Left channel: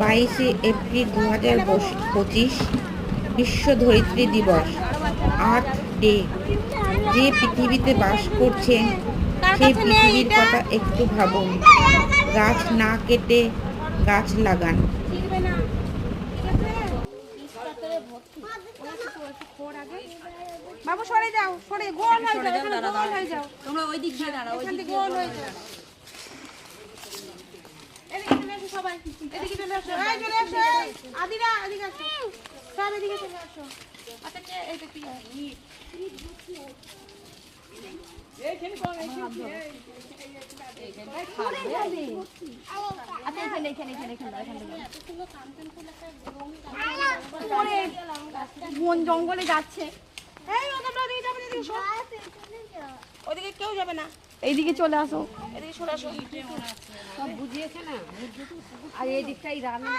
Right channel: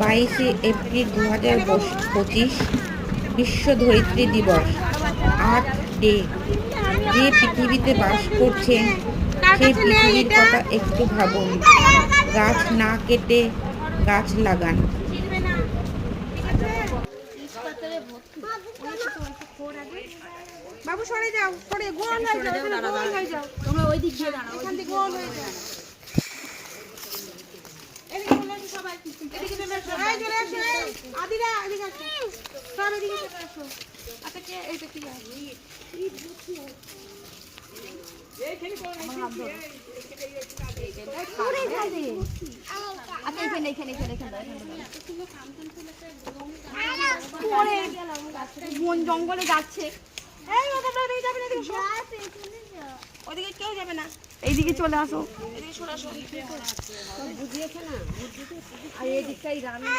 বাইশে এপ্রিল দু হাজার পঁচিশ বিশ্ব ধরিত্রী দিবস। Earth day. যে পৃথিবীতে বাস করছেন সেই পৃথিবীর কথা একটু ভাবুন। গাছ না কেটে গাছ লাগান। বাবু সরে যাও সরে গোল হয়ে যাও এখানে গোল হয়ে যাও। তোমরা ওই দিক দিয়ে দাঁড়াও থেকে গোল হয়ে যাও। এদিকে সবাই। এদিকে চলে আদিরা এদিকে আসো। সব এদিকে চলে আসো। আচ্ছা কে এইটা কি। বন জঙ্গলে যাচ্ছে। এই ও যাবে না ওদিকে কেউ যাবে না। এইদিকে চলে আসো। এদিকে চলে আসো। আর এই দিকটাই রান্না